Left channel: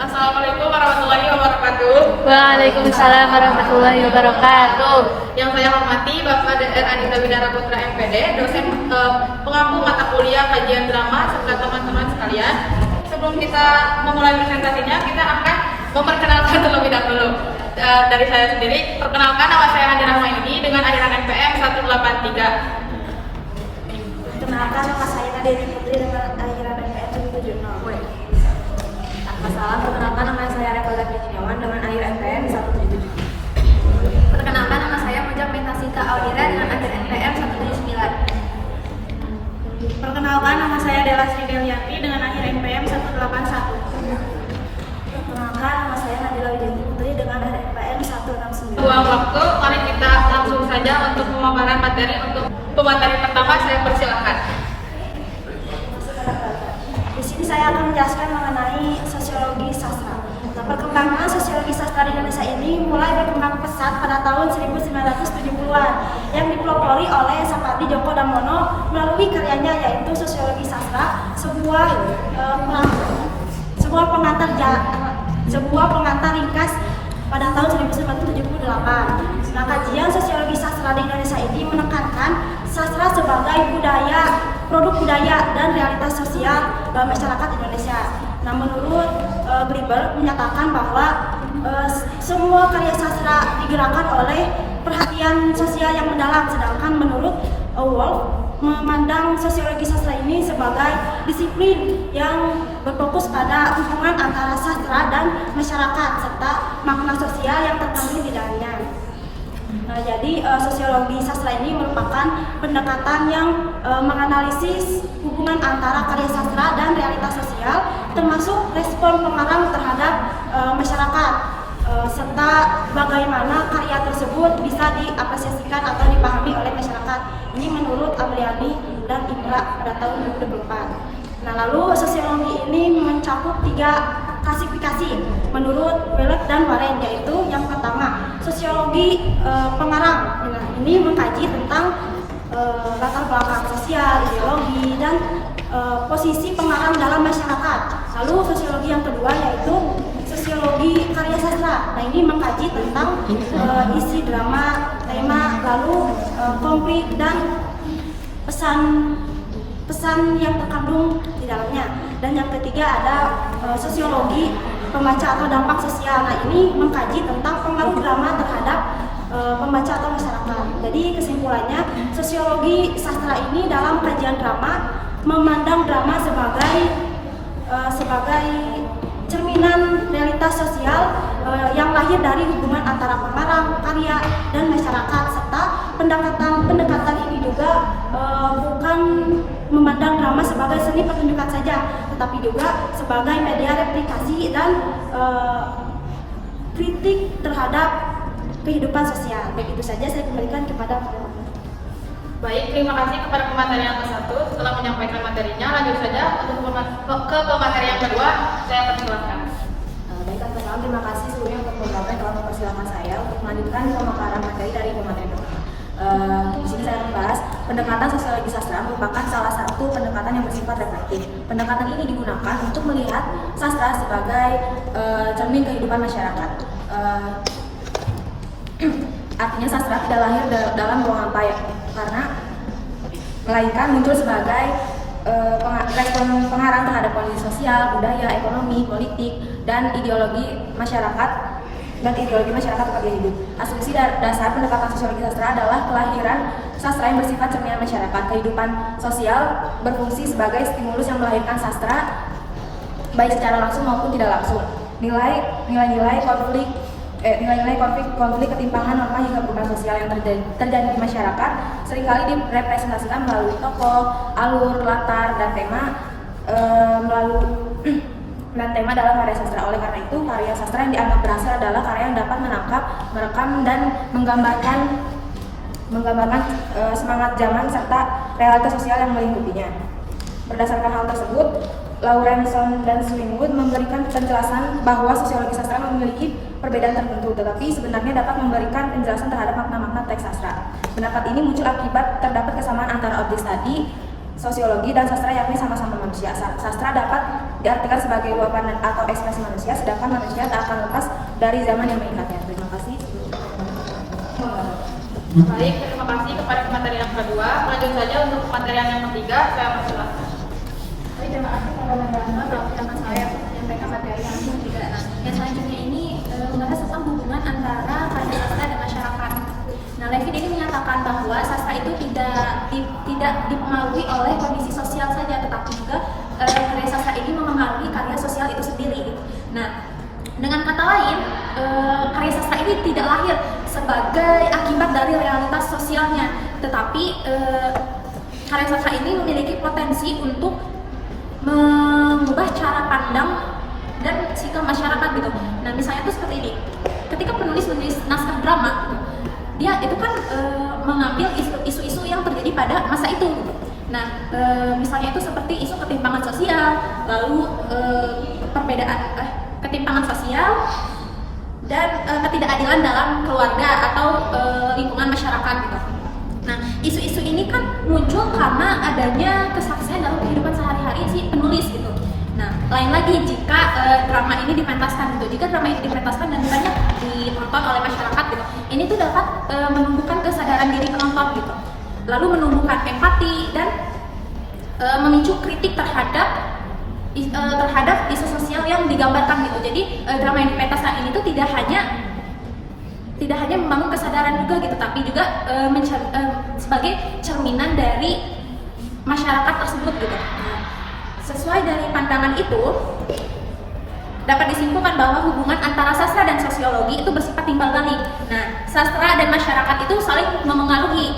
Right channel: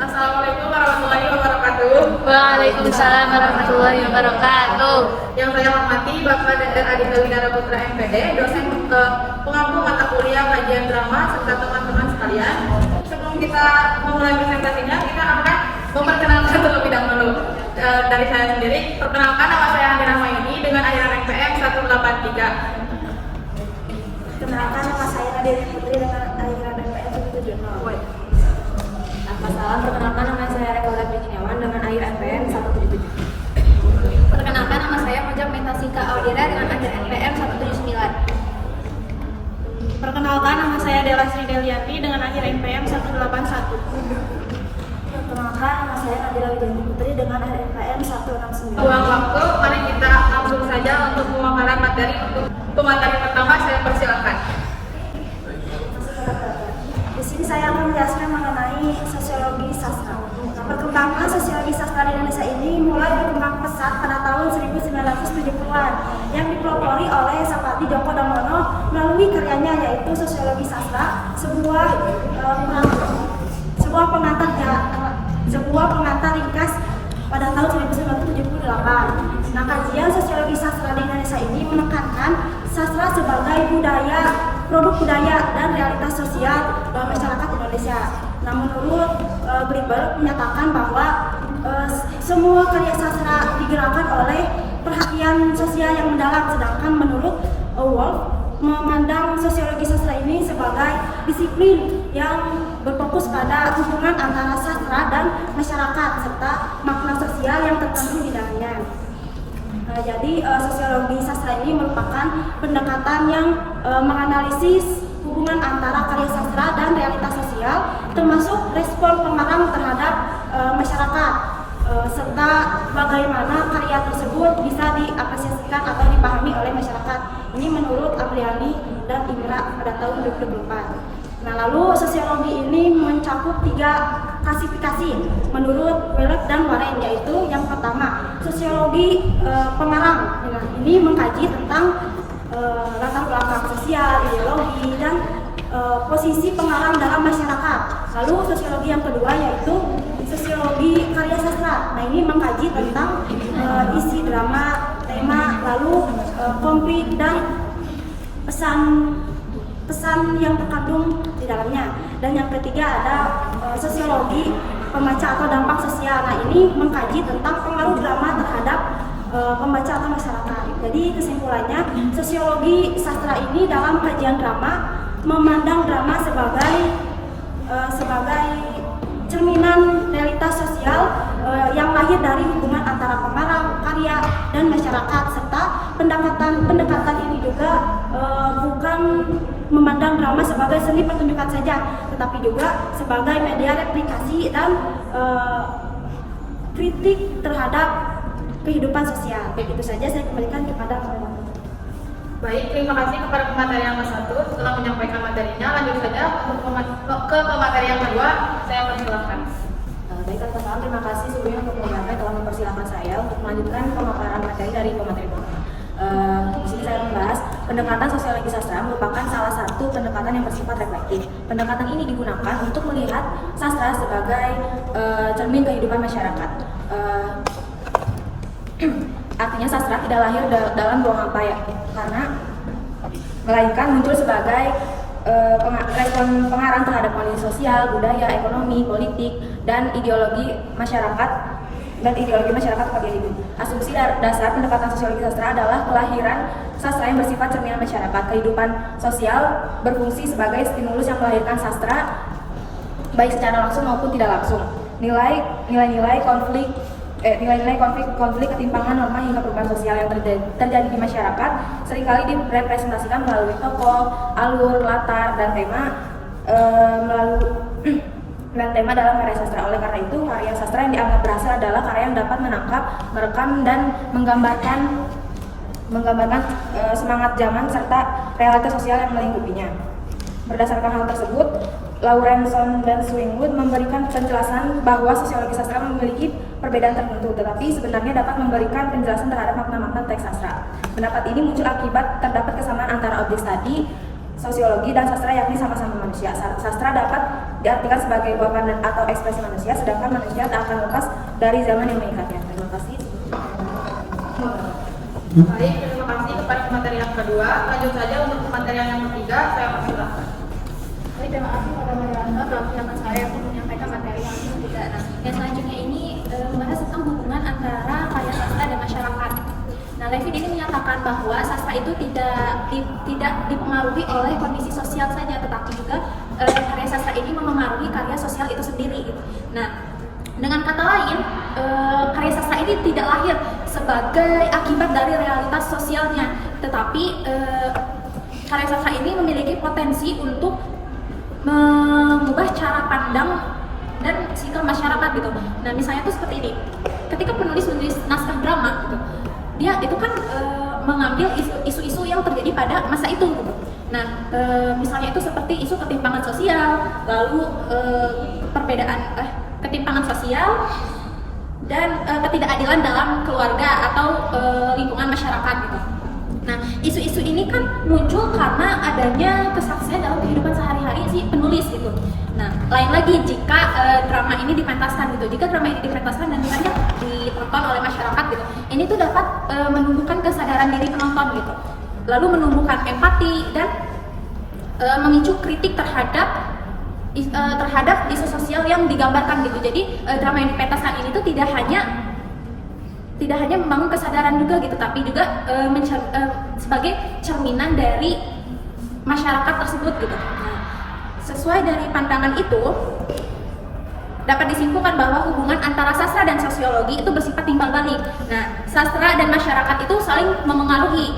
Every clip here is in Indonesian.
Assalamualaikum warahmatullahi wabarakatuh. Waalaikumsalam warahmatullahi wabarakatuh. Yang saya hormati Bapak Dr. Adinda Widara Putra MPD, dosen pengampu mata kuliah kajian drama serta teman-teman sekalian. Sebelum kita memulai presentasinya, kita akan memperkenalkan terlebih dahulu. Dari saya sendiri, perkenalkan nama saya Handira Maini dengan akhiran NPM 183. Perkenalkan, nama saya Nadia Putri dengan akhiran NPM 170. Salam, perkenalkan nama saya Rekola Kurniawan dengan akhir NPM 177. Perkenalkan, nama saya Mojak Metasika Audira dengan akhir NPM 179. Perkenalkan, nama saya Dela Sri Delianti dengan akhir NPM 181. Perkenalkan, nama saya Nabila Widianti Putri dengan akhir NPM 169. Buang waktu, mari kita langsung saja untuk pemaparan materi. Untuk pemateri pertama, saya persilakan. Di sini saya akan menjelaskan mengenai sosiologi sastra. Nah, perkembangan sosiologi sastra di Indonesia ini mulai berkembang pesat pada tahun 1970-an yang dipelopori oleh Sapardi Djoko Damono melalui karyanya yaitu Sosiologi Sastra, sebuah pengantar ringkas pada tahun 1978. Nah, kajian sosiologi sastra di Indonesia ini menekankan sastra sebagai produk budaya dan realitas sosial dalam masyarakat Indonesia. Nah, menurut Gribel menyatakan bahwa semua karya sastra digerakkan oleh perhatian sosial yang mendalam, sedangkan menurut Wolf memandang sosiologi sastra ini sebagai disiplin yang berfokus pada hubungan antara sastra dan masyarakat serta makna sosial yang terkandung di dalamnya. Jadi sosiologi sastra ini merupakan pendekatan yang menganalisis hubungan antara karya sastra dan realitas sosial, termasuk respon pengarang terhadap masyarakat, serta bagaimana karya tersebut bisa diapresiasikan atau dipahami oleh masyarakat. Ini menurut Apriani dan Indra pada tahun 2024. Nah, lalu sosiologi ini mencakup 3 klasifikasi menurut Welek dan Warren, yaitu yang pertama sosiologi pengarang. Ini mengkaji tentang latar belakang sosial, ideologi, dan posisi pengarang dalam masyarakat. Lalu sosiologi yang kedua yaitu sosiologi karya sastra. Nah, ini mengkaji tentang isi drama, tema, lalu konflik dan pesan yang terkandung di dalamnya. Dan yang ketiga ada sosiologi pembaca atau dampak sosial. Nah, ini mengkaji tentang pengaruh drama terhadap pembaca atau masyarakat. Jadi kesimpulannya, sosiologi sastra ini dalam kajian drama memandang drama sebagai cerminan realitas sosial yang lahir dari hubungan antara pengarang, karya, dan masyarakat, serta pendekatan ini juga bukan memandang drama sebagai seni pertunjukan saja, tetapi juga sebagai media replikasi dan kritik terhadap kehidupan sosial. Baik, itu saja saya kembalikan kepada teman-teman. Baik, terima kasih kepada pemateri yang ke-1 setelah menyampaikan materinya. Lanjut saja ke pemateri yang kedua, saya persilakan. Baik, teman-teman, terima kasih sebelumnya untuk pemateri telah mempersilahkan saya untuk melanjutkan pemaparan materi dari pemateri pertama. Di sini saya membahas pendekatan sosiologi sastra merupakan salah satu pendekatan yang bersifat reflektif. Pendekatan ini digunakan untuk melihat sastra sebagai cermin kehidupan masyarakat. Artinya sastra tidak lahir dalam buang apa ya, karena melainkan muncul sebagai pengarang terhadap kondisi sosial, budaya, ekonomi, politik, dan ideologi masyarakat sebagai hidup. Asumsi dasar pendekatan sosiologi sastra adalah kelahiran sastra yang bersifat cerminan masyarakat. Kehidupan sosial berfungsi sebagai stimulus yang melahirkan sastra baik secara langsung maupun tidak langsung. Nilai-nilai konflik, ketimpangan norma hingga perubahan sosial yang terjadi di masyarakat seringkali direpresentasikan melalui tokoh, alur, latar, dan tema dalam karya sastra. Oleh karena itu, karya sastra yang dianggap berhasil adalah karya yang dapat menangkap, merekam, dan menggambarkan semangat zaman serta realitas sosial yang melingkupinya. Berdasarkan hal tersebut, Lawrenson dan Swingwood memberikan penjelasan bahwa sosiologi sastra memiliki perbedaan tertentu, tetapi sebenarnya dapat memberikan penjelasan terhadap makna-makna teks sastra. Pendapat ini muncul akibat terdapat kesamaan antara objek studi, sosiologi, dan sastra, yakni sama-sama manusia. Sastra dapat diartikan sebagai luapan atau ekspresi manusia, sedangkan manusia tak akan lepas dari zaman yang mengikatnya. Terima kasih. Baik, terima kasih kepada materi yang kedua. Lanjut saja untuk materi yang ketiga, saya persilakan. Baik, terima kasih kepada moderator dalam pertama saya untuk menyampaikan materi yang ketiga. Yang selanjutnya ini membahas tentang hubungan antara karya sastra dan masyarakat. Nah, Levin ini menyatakan bahwa sastra itu tidak dipengaruhi oleh kondisi sosial saja, tetapi juga karya sastra ini memengaruhi karya sosial itu sendiri. Nah, dengan kata lain, karya sastra ini tidak lahir sebagai akibat dari realitas sosialnya, tetapi karya sastra ini memiliki potensi untuk mengubah cara pandang dan sikap masyarakat gitu. Nah, misalnya tuh seperti ini. Ketika penulis menulis naskah drama gitu, dia itu kan mengambil isu-isu yang terjadi pada masa itu gitu. Nah, misalnya itu seperti isu ketimpangan sosial, lalu ketimpangan sosial dan ketidakadilan dalam keluarga atau lingkungan masyarakat gitu. Nah, isu-isu ini kan muncul karena adanya kesaksian dalam kehidupan sehari-hari si penulis gitu. Nah, lain lagi jika drama ini dipentaskan gitu. Jika drama ini dipentaskan dan banyak ditonton oleh masyarakat gitu, ini tuh dapat menumbuhkan kesadaran diri penonton gitu. Lalu menumbuhkan empati dan memicu kritik terhadap isu sosial yang digambarkan gitu. Jadi drama yang dipentaskan ini tuh tidak hanya membangun kesadaran juga gitu, tapi juga sebagai cerminan dari masyarakat tersebut gitu. Nah, sesuai dari pandangan itu dapat disimpulkan bahwa hubungan antara sastra dan sosiologi itu bersifat timbal balik. Nah, sastra dan masyarakat itu saling memengaruhi.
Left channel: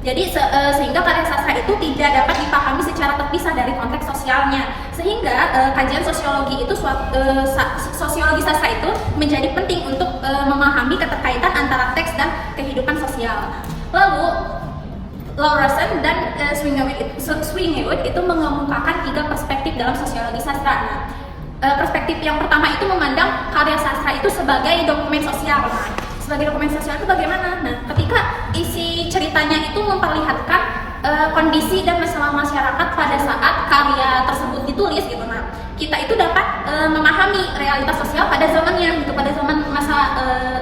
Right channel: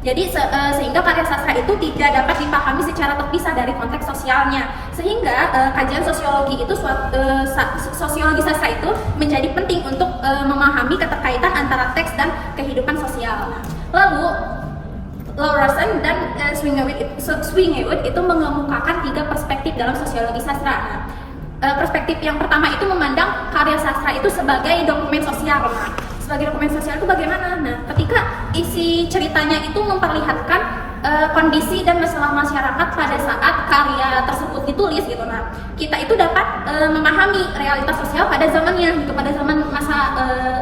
Jadi sehingga karya sastra itu tidak dapat dipahami secara terpisah dari konteks sosialnya. Sehingga kajian sosiologi itu sosiologi sastra itu menjadi penting untuk memahami keterkaitan antara teks dan kehidupan sosial. Lalu Lawrason dan Swinghewitt itu mengemukakan 3 perspektif dalam sosiologi sastra. Perspektif yang pertama itu memandang karya sastra itu sebagai dokumen sosial. Sebagai dokumen sosial itu bagaimana? Nah, ketika isi ceritanya itu memperlihatkan kondisi dan masalah masyarakat pada saat karya tersebut ditulis gitu. Nah, kita itu dapat memahami realitas sosial pada zamannya, gitu, pada zaman masa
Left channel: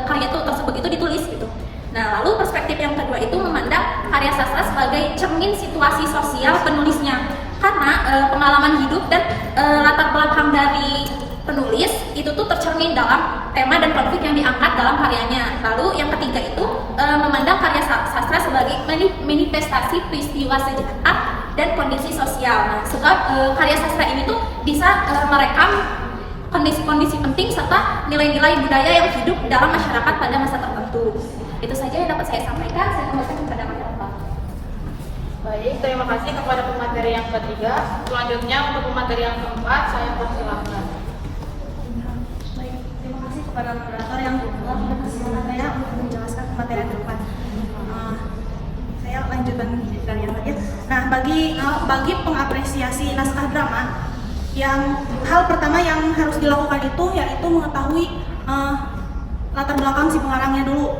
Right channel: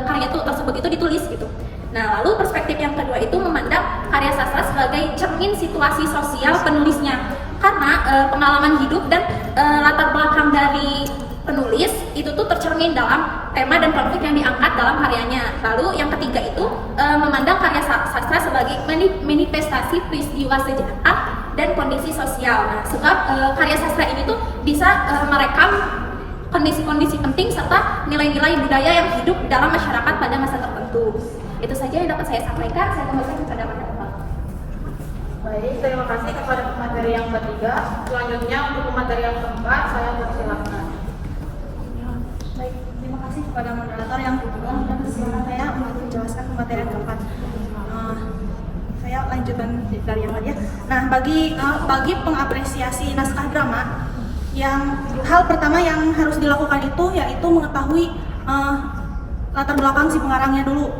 karya tersebut itu ditulis gitu. Nah, lalu perspektif yang kedua itu memandang karya sastra sebagai cermin situasi sosial penulisnya. Karena pengalaman hidup dan latar belakang dari penulis itu tuh tercermin dalam tema dan konflik yang diangkat dalam karyanya. Lalu yang ketiga itu memandang karya sastra sebagai manifestasi peristiwa sejarah dan kondisi sosial. Nah, sebab karya sastra ini tuh bisa merekam kondisi-kondisi penting serta nilai-nilai budaya yang hidup dalam masyarakat pada masa tertentu. Itu saja yang dapat saya sampaikan. Saya kembalikan kepada pendapat. Baik, terima kasih kepada pemateri yang ketiga. Selanjutnya untuk pemateri yang keempat, saya persilakan. Baik, terima kasih kepada moderator yang kedua dan kesempatan saya untuk menjelaskan materi yang keempat. Saya lanjutkan dari yang tadi. Nah, bagi pengapresiasi naskah drama, hal pertama yang harus dilakukan itu yaitu mengetahui latar belakang si pengarangnya dulu.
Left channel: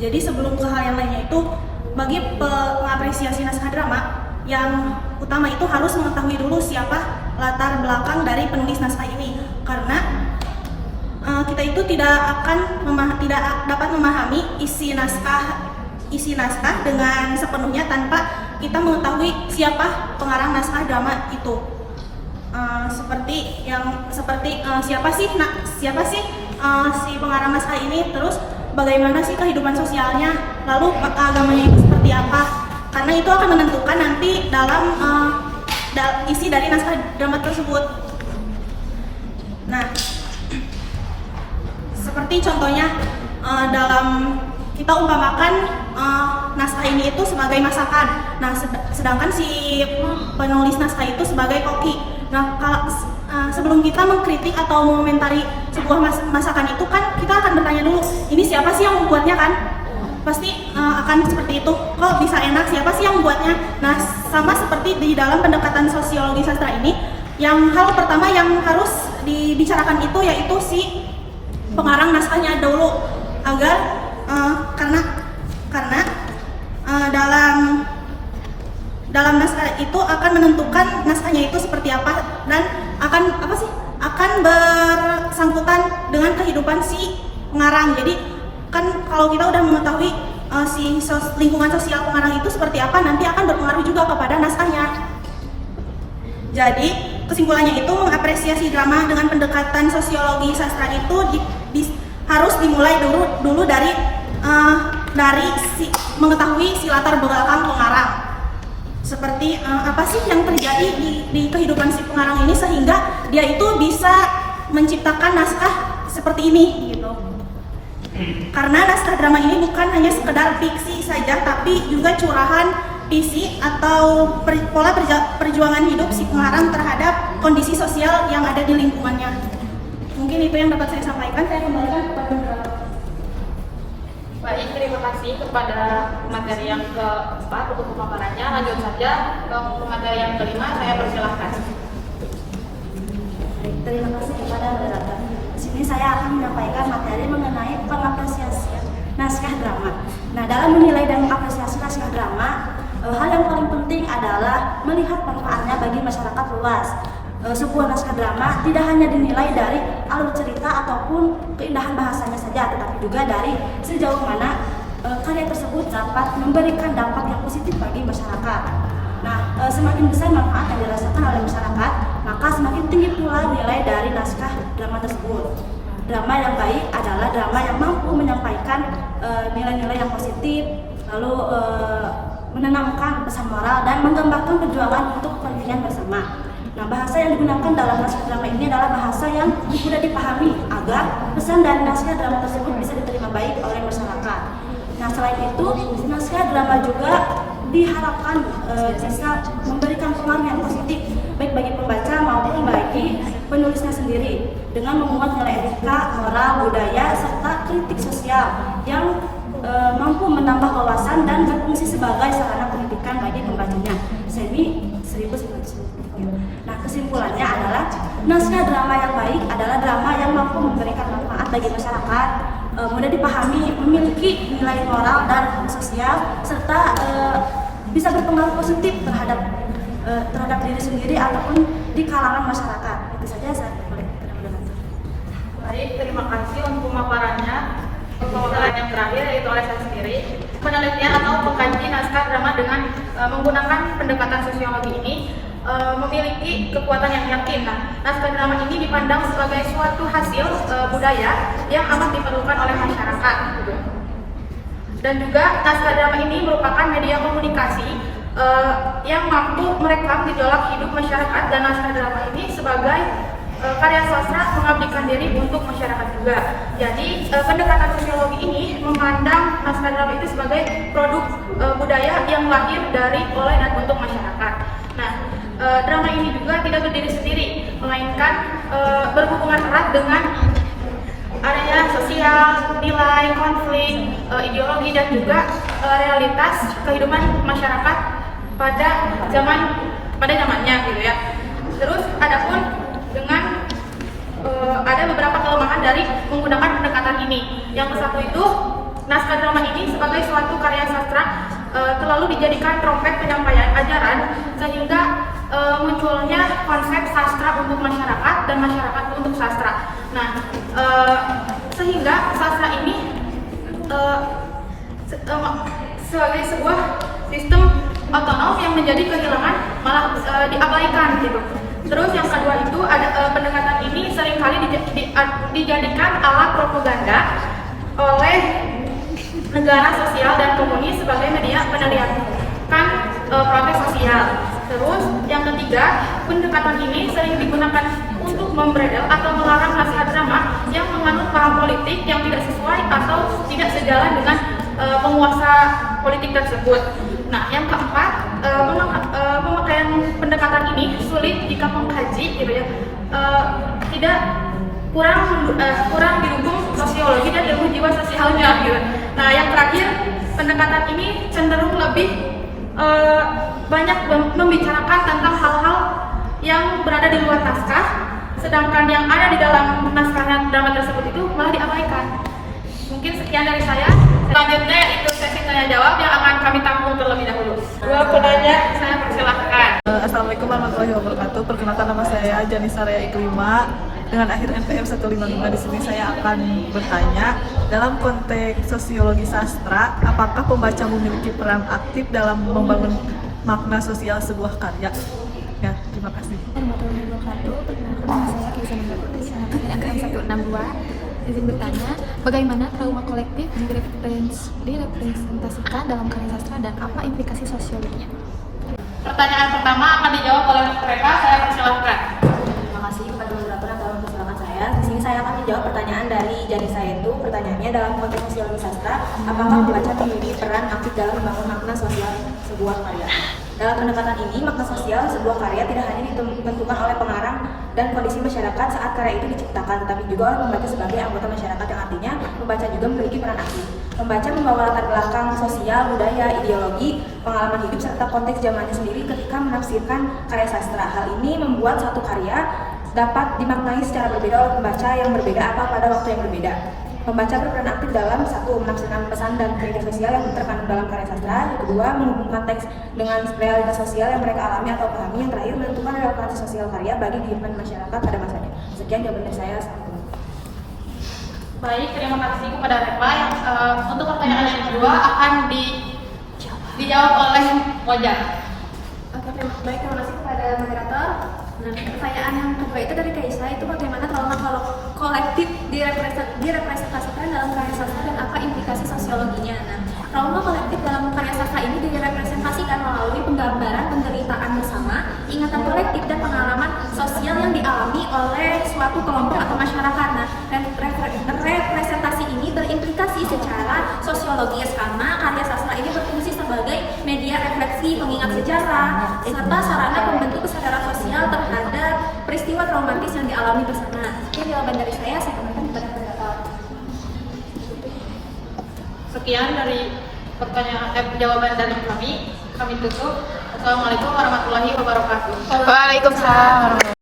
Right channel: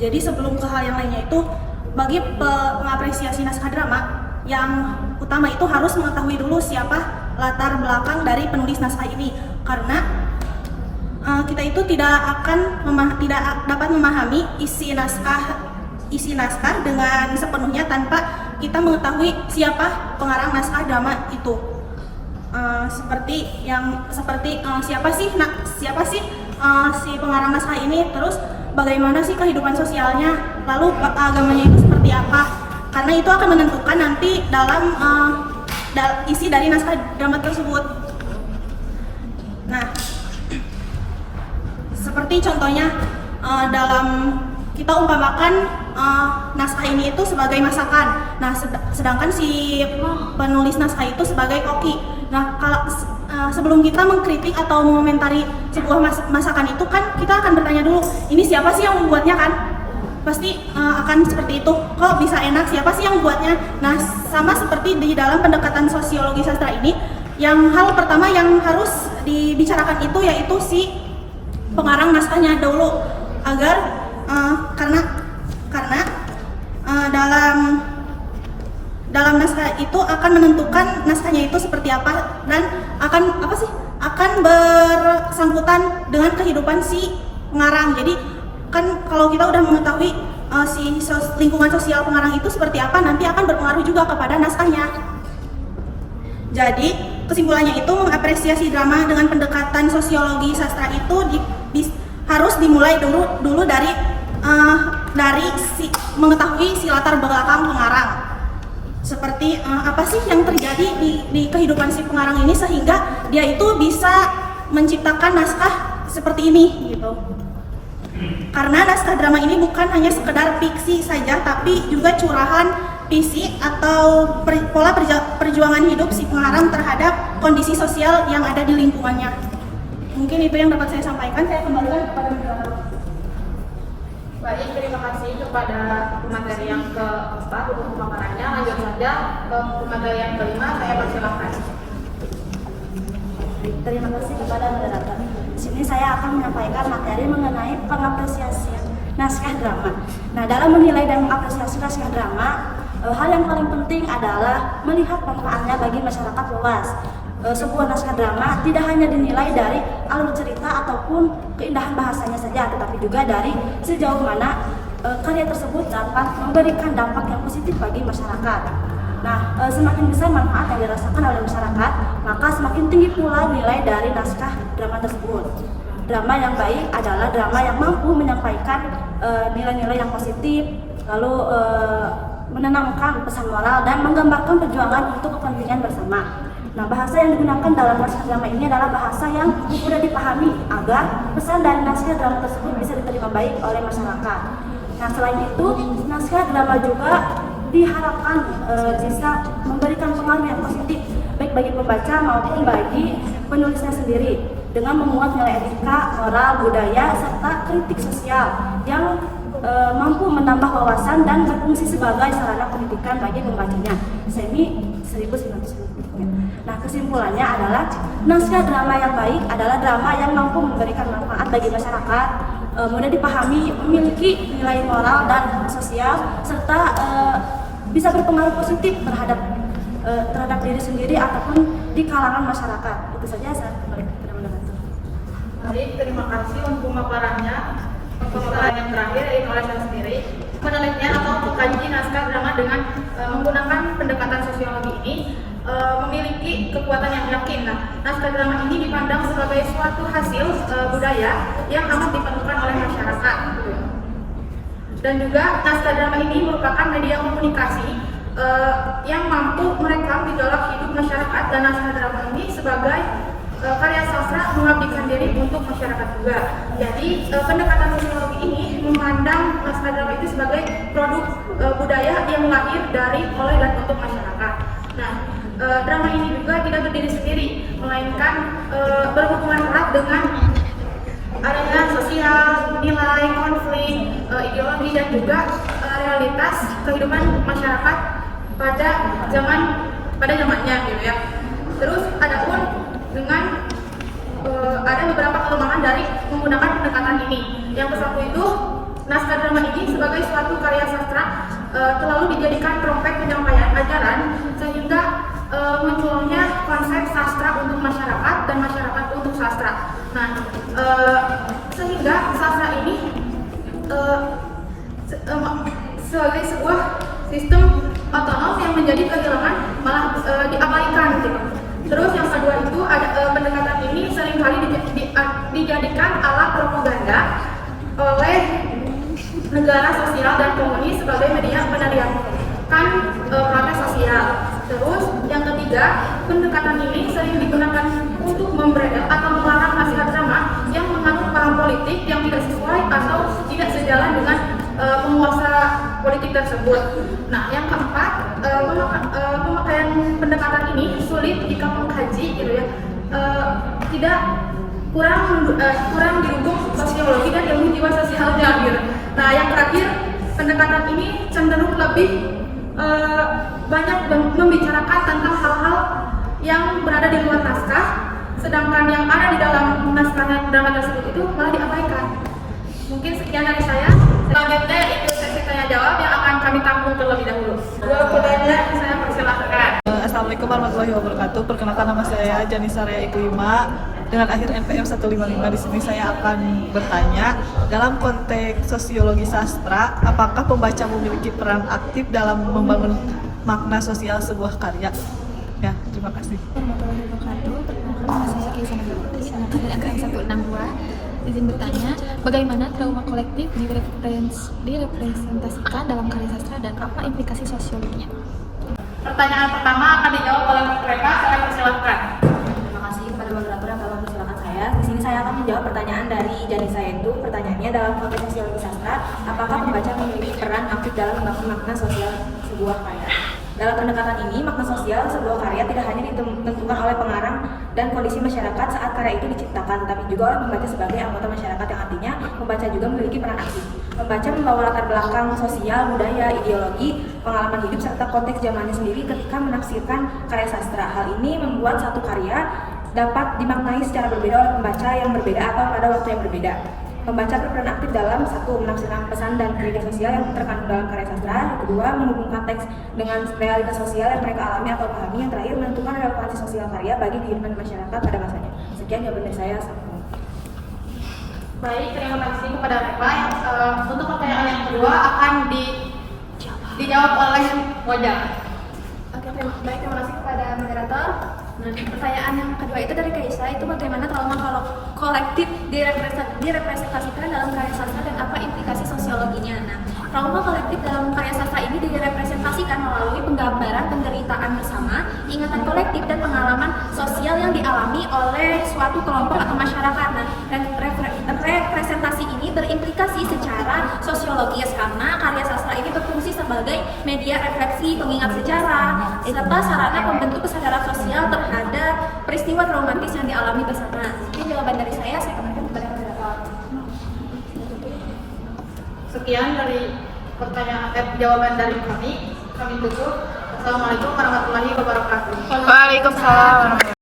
Jadi sebelum ke hal yang lainnya itu, bagi pengapresiasi naskah drama, yang utama itu harus mengetahui dulu siapa latar belakang dari penulis naskah ini, karena kita itu tidak dapat memahami isi naskah dengan sepenuhnya tanpa kita mengetahui siapa pengarang naskah drama itu. Siapa sih si pengarang naskah ini, terus bagaimana sih kehidupan sosialnya, lalu agamanya itu seperti apa, karena itu akan menentukan nanti dalam isi dari naskah drama tersebut. Nah, seperti contohnya dalam kita umpamakan naskah ini itu sebagai masakan. Nah, sedangkan si penulis naskah itu sebagai koki. Nah, kalau sebelum kita mengkritik atau mengomentari sebuah masakan itu kan kita akan bertanya dulu, ini siapa sih yang membuatnya kan? Pasti akan seperti itu. Kok bisa enak? Siapa sih yang buatnya? Nah, sama seperti di dalam pendekatan sosiologi sastra ini, yang hal pertama yang harus dibicarakan itu yaitu si pengarang naskahnya dulu, agar karena dalam naskah itu akan menentukan naskahnya itu seperti apa, dan akan bersangkutan dengan kehidupan si pengarang. Jadi kan kalau kita udah mengetahui lingkungan sosial pengarang itu seperti apa, nanti akan berpengaruh juga kepada naskahnya. Jadi kesimpulannya itu mengapresiasi drama dengan pendekatan sosiologi sastra itu harus dimulai dulu dari mengetahui si latar belakang pengarang. Seperti apa sih yang terjadi di kehidupan si pengarang ini sehingga dia itu bisa menciptakan naskah seperti ini gitu. Karena naskah drama ini bukan hanya sekedar fiksi saja, tapi juga curahan visi atau pola perjuangan hidup si pengarang terhadap kondisi sosial yang ada di lingkungannya. Mungkin itu yang dapat saya sampaikan. Saya kembalikan kepada moderator. Baik, terima kasih kepada materi yang keempat untuk pemaparannya. Lanjut saja ke materi yang kelima, saya persilahkan. Terima kasih kepada moderator. Di sini saya akan menyampaikan materi mengenai pengapresiasian naskah drama. Nah, dalam menilai dan mengapresiasi naskah drama, hal yang paling penting adalah melihat manfaatnya bagi masyarakat luas. Sebuah naskah drama tidak hanya dinilai dari alur cerita ataupun keindahan bahasanya saja, tetapi juga dari sejauh mana karya tersebut dapat memberikan dampak yang positif bagi masyarakat. Nah, semakin besar manfaat yang dirasakan oleh masyarakat, maka semakin tinggi pula nilai dari naskah drama tersebut. Drama yang baik adalah drama yang mampu menyampaikan nilai-nilai yang positif, lalu menanamkan pesan moral dan menggambarkan perjuangan untuk kepentingan bersama. Nah, bahasa yang digunakan dalam naskah drama ini adalah bahasa yang mudah dipahami agar pesan dari naskah drama tersebut bisa diterima baik oleh masyarakat. Nah, selain itu, naskah drama juga diharapkan bisa memberikan pengaruh yang positif baik bagi pembaca maupun bagi penulisnya sendiri dengan memuat nilai etika, moral, budaya, serta kritik sosial yang mampu menambah wawasan dan berfungsi sebagai sarana pendidikan bagi pembacanya. Semi 1993. Nah, kesimpulannya adalah naskah drama yang baik adalah drama yang mampu memberikan manfaat bagi masyarakat, mudah dipahami, memiliki nilai moral dan sosial, serta bisa berpengaruh positif terhadap diri sendiri ataupun di kalangan masyarakat. Itu saja saya kembali kepada moderator. Baik, terima kasih untuk pemaparannya. Pemaparan yang terakhir yaitu oleh saya sendiri. Penelitian atau pengkaji naskah drama dengan menggunakan pendekatan sosiologi ini memiliki kekuatan yang yakin. Nah, naskah drama ini dipandang sebagai suatu hasil budaya yang amat diperlukan oleh masyarakat. Dan juga naskah drama ini merupakan media komunikasi yang mampu merekam gejolak hidup masyarakat, dan naskah drama ini sebagai karya sastra mengabdikan diri untuk masyarakat juga. Jadi pendekatan sosiologi ini memandang naskah drama itu sebagai produk budaya yang lahir dari, oleh, dan untuk masyarakat. Nah, drama ini juga tidak berdiri sendiri, melainkan berhubungan erat dengan area sosial, nilai, konflik, ideologi, dan juga realitas kehidupan masyarakat pada zamannya gitu ya. Terus adapun dengan ada beberapa kelemahan dari menggunakan pendekatan ini. Yang satu itu, naskah drama ini sebagai suatu karya sastra terlalu dijadikan trompet penyampaian ajaran, sehingga munculnya konsep sastra untuk masyarakat dan masyarakat untuk sastra. Nah, sehingga sastra ini sebagai sebuah sistem otonom yang menjadi kehilangan, malah diabaikan gitu. Terus yang kedua itu ada pendekatan ini seringkali dijadikan alat propaganda oleh negara sosial dan komunis sebagai media meneriakkan protes sosial. Terus yang ketiga, pendekatan ini sering digunakan untuk membredel atau melarang naskah drama yang mengandung paham politik yang tidak sesuai atau tidak sejalan dengan penguasa politik tersebut. Nah, yang keempat, pemakaian pendekatan ini sulit jika pengkaji gitu ya, tidak kurang didukung sosiologi dan ilmu jiwa sosialnya gitu. Nah, yang terakhir, pendekatan ini cenderung lebih banyak membicarakan tentang hal-hal yang berada di luar naskah, sedangkan yang ada di dalam naskah drama tersebut itu malah diabaikan. Mungkin sekian dari saya. Selanjutnya yaitu sesi tanya jawab yang akan kami tampung terlebih dahulu. Dua penanya saya persilahkan. Assalamualaikum warahmatullahi wabarakatuh. Perkenalkan nama saya Janisa Rea Iklima dengan akhir NPM 155. Di sini saya akan bertanya dalam konteks sosiologi sastra, apakah pembaca memiliki peran aktif dalam membangun makna sosial sebuah karya? Ya, terima kasih. Warahmatullahi wabarakatuh. Perkenalkan nama saya Kaisa Nabila dari angkatan 162. Izin bertanya, bagaimana trauma kolektif direpresentasikan dalam karya sastra dan apa implikasi sosiologinya? Pertanyaan pertama akan dijawab oleh mereka, saya persilahkan. Terima kasih kepada moderator yang telah mempersilahkan saya. Di sini saya akan menjawab pertanyaan dari Janisa itu. Pertanyaannya dalam konteks sosiologi sastra, apakah pembaca memiliki peran aktif dalam membangun makna sosial sebuah karya? Dalam pendekatan ini, makna sosial sebuah karya tidak hanya ditentukan oleh pengarang dan kondisi masyarakat saat karya itu diciptakan, tetapi juga oleh pembaca sebagai anggota masyarakat, yang artinya pembaca juga memiliki peran aktif. Pembaca membawa latar belakang sosial, budaya, ideologi, pengalaman hidup, serta konteks zamannya sendiri ketika menafsirkan karya sastra. Hal ini membuat satu karya dapat dimaknai secara berbeda oleh pembaca yang berbeda atau pada waktu yang berbeda. Pembaca berperan aktif dalam satu, menafsirkan pesan dan kritik sosial yang terkandung dalam karya sastra. Kedua, menghubungkan teks dengan realitas sosial yang mereka alami atau pahami. Yang terakhir, menentukan relevansi sosial karya bagi kehidupan masyarakat pada masanya. Sekian jawaban dari saya. Baik, terima kasih kepada Reva. Untuk pertanyaan yang kedua akan dijawab oleh Moja. Oke, baik, terima kasih kepada moderator. Dan pertanyaan yang kedua itu dari Kaisa, itu bagaimana trauma kolektif direpresentasikan dalam karya sastra dan apa implikasi sosiologinya. Nah, trauma kolektif dalam karya sastra ini direpresentasikan melalui penggambaran penderitaan bersama, ingatan kolektif dan pengalaman sosial yang dialami oleh suatu kelompok atau masyarakat. Nah, dan representasi ini berimplikasi secara sosiologis karena karya sastra ini berfungsi sebagai media refleksi, pengingat sejarah, serta sarana pembentuk kesadaran sosial terhadap peristiwa traumatis yang dialami bersama. Sekian jawaban dari saya kembalikan kepada moderator. Sekian dari jawaban dari kami tutup. Assalamualaikum warahmatullahi wabarakatuh. Waalaikumsalam.